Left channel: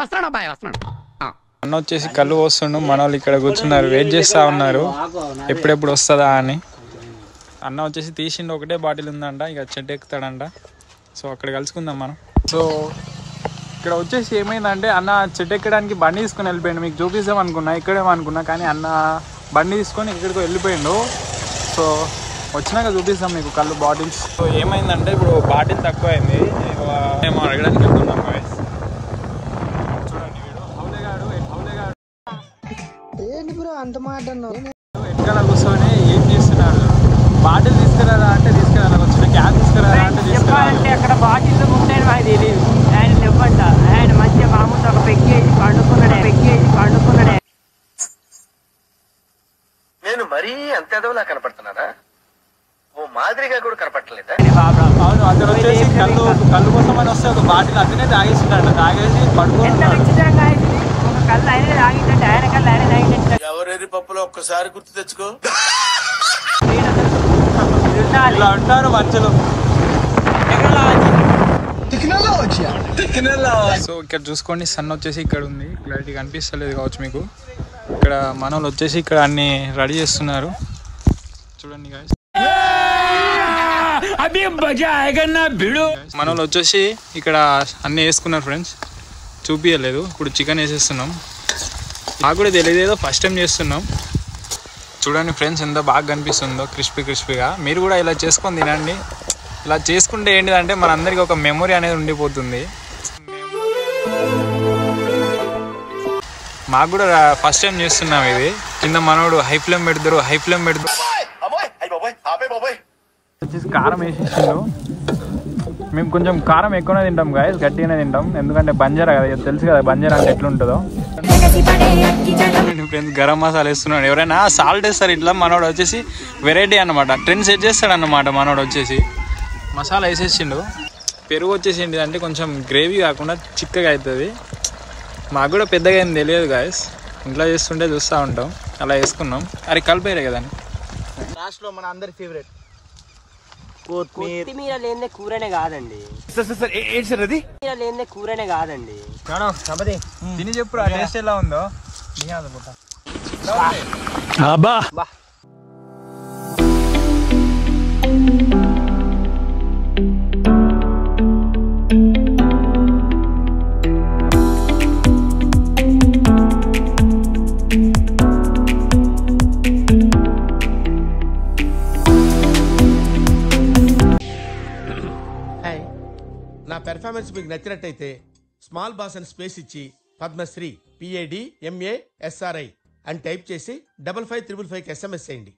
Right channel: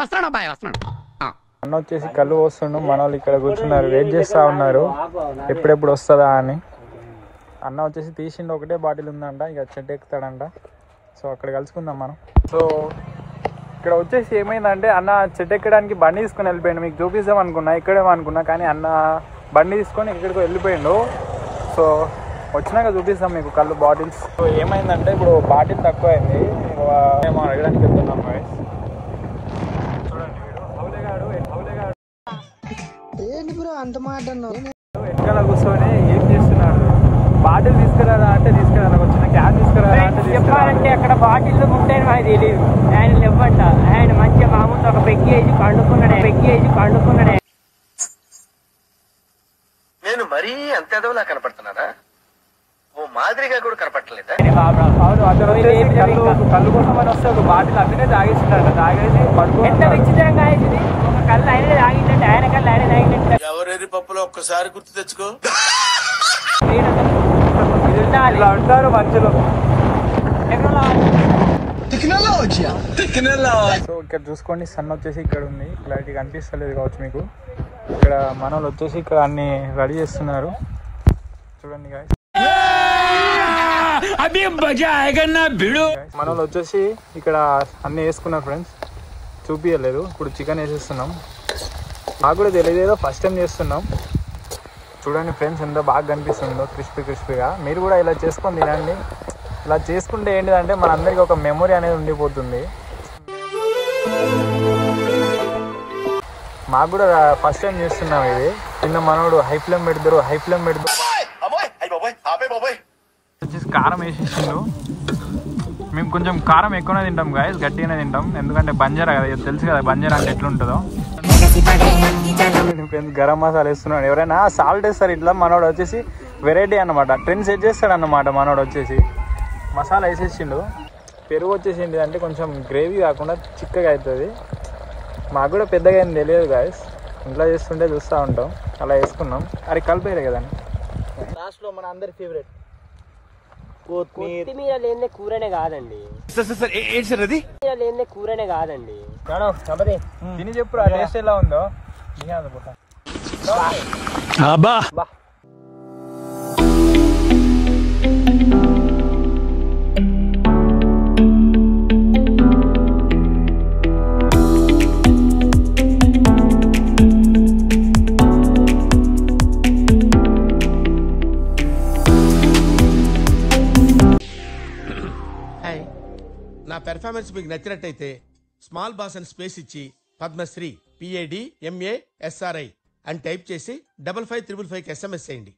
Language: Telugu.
వస్తున్నాడు అబ్బాయి వస్తున్నాడు. అన్న వచ్చేసి కళ్ళు పోస్తుండు, మన వాళ్ళు ఇక్కడ కూర్చున్నారు వెయిట్ చేస్తూ ఉన్నారు ఎప్పుడెప్పుడు వస్తుందా అని. అన్న వచ్చేసి తీసిండు, ఒకటే బాటిల్ ఉందంట, ఇక చెట్టు ఎక్కుతాడంట. సో అక్కడ కలుసుకుందాం మనం. సో ఇక్కడ వచ్చేసి ఏమైందంటే అన్న చెట్టు ఎక్కడానికి బండి తీసుకొని వెళ్ళిపోయాడు. మీకు చూపిస్తాం అనుకున్నా, ఇక్కడేమో అనుకున్నా, కానీ అన్న బండి తీసుకొని ఎక్కడికో వెళ్ళిపోయాడు. సో వచ్చినాక చూపిస్తాం మీకు కళ్ళు బాటిల్స్. సో ఏమైందంటే ఇప్పుడు బాటిల్ తక్కువ అయింది, మేము అడగడానికి వెళ్తున్నాం. ఎక్కడ కూర్చొని ఏం చేస్తున్నారు? బాటిల్ తీసుకురారా అంటే తీసుకురారా, వచ్చిన క్యాన్ తీసుకురారా అంటే చెప్పాలంటే అక్కడ బాటిల్ ఉంటాయని నాకు తెలియదు. ఆయన ఇవ్వంట, ఆయన మంచిగా మామూలు ఒక పెగ్గి వేసి పండుకున్నాడే. నేను మరీ అంత ఎదవలా కనపడుతున్నారా? ఓ మాదిరిగా కూడా కనపడలేదా? అవును, అక్కడ వచ్చేసి కళ్ళు కోసం అని వస్తే ఒక బాటిల్ అక్కడే తాగేస్తున్నాడు. తాగేసి ఎంత విచిత్రంగా అయింది. ఒక కళ్ళు ఆయన తాగిందంటే, ఆయన కళ్ళు ఆయన తాగిందంటే. ఎవరెరి పప్పులో ఒక్కసారి గుర్తు తెచ్చుకో. ఇలా అంటారు మధ్యలో. సో ఇక్కడ చూసుకోండి, సన్ వచ్చేసి ఇక్కడ ఉంది, క్లారిటీ కనిపిస్తలేదు కావచ్చు మీకు. ఇక్కడ మన వాళ్ళు వచ్చేసి ఇక్కడ అన్ని రెడీ చేస్తున్నారు చూడండి guys. మన వాళ్ళు వచ్చేసి ఇక్కడ అన్ని వేసుకున్నారు ఫ్రెండ్స్, చూపించలేదు. ఇప్పుడు చికెన్ వేసేస్తున్నాం. నాకు కూడా తెలియదు, ఫస్ట్ టైం చేస్తున్నాం. చూడండి ఫ్రెండ్స్ ఎంత బాగా కనిపిస్తుందో, క్రిస్పీగా. మీరు కూడా ఇలా చేసుకొని తినండి. ఇలా చేసుకుంటే ఏంటిదంటే మనందరికీ ఒక మెమొరీ అనేది ఉండిపోతుంది. మాకు కూడా ఫస్ట్ టైం చేస్తున్నాం ఇది. కింద మనోడు హై ఫ్లేమ్ పెడతారు వచ్చేసి కారం వేసేసిండు. మేము కొంచెం కారం ఎక్కువనే తింటాం గాయస్, గట్టిగానే తింటాం, ఎందుకంటే బంజారా కదా, తెలుసు కదా బంజారా అంటే ఎట్లుంటుందో. ఫ్రెండ్స్ గరం మసాలా వేస్తున్నాడు. ఎవరైనా సాల్ట్ వేస్తారు ఇట్లా, మనోడు వచ్చేసి వెరైటీ అనమాట, ట్రెండ్ సెట్ చేస్తాడు అన్నమాట. మనోడు వచ్చేసి మసాలా వేసేసిండు. పెరుగు వచ్చేసి ఏంటిదంటే కొంచెం గ్రేవీ కాకుండా చిక్కగా అవుతుంది. మాకు కూడా పెద్దగా ఏం తెలియదు గాయస్, ఇంట్లో చేస్తుంటే చూస్తూ ఉంటాం, అలా వేసుకున్నాం. అరే కలిపేరే కదా. లాస్ట్లో మన అందరి ఫేవరెట్ కొత్తిమీర లేనిదే కూరనే కాదండి. కూరనే కాదండి. తిని చెప్పు టేస్ట్ ఎలా ఉందో. నా పెర్ఫార్మెన్స్ మీకు నచ్చినట్టయితే స్మాల్ బాస్ అని స్పేస్ ఇచ్చి పద్మశ్రీ PAD MA SRI అని టైప్ చేసి 5555 SMS చేయండి.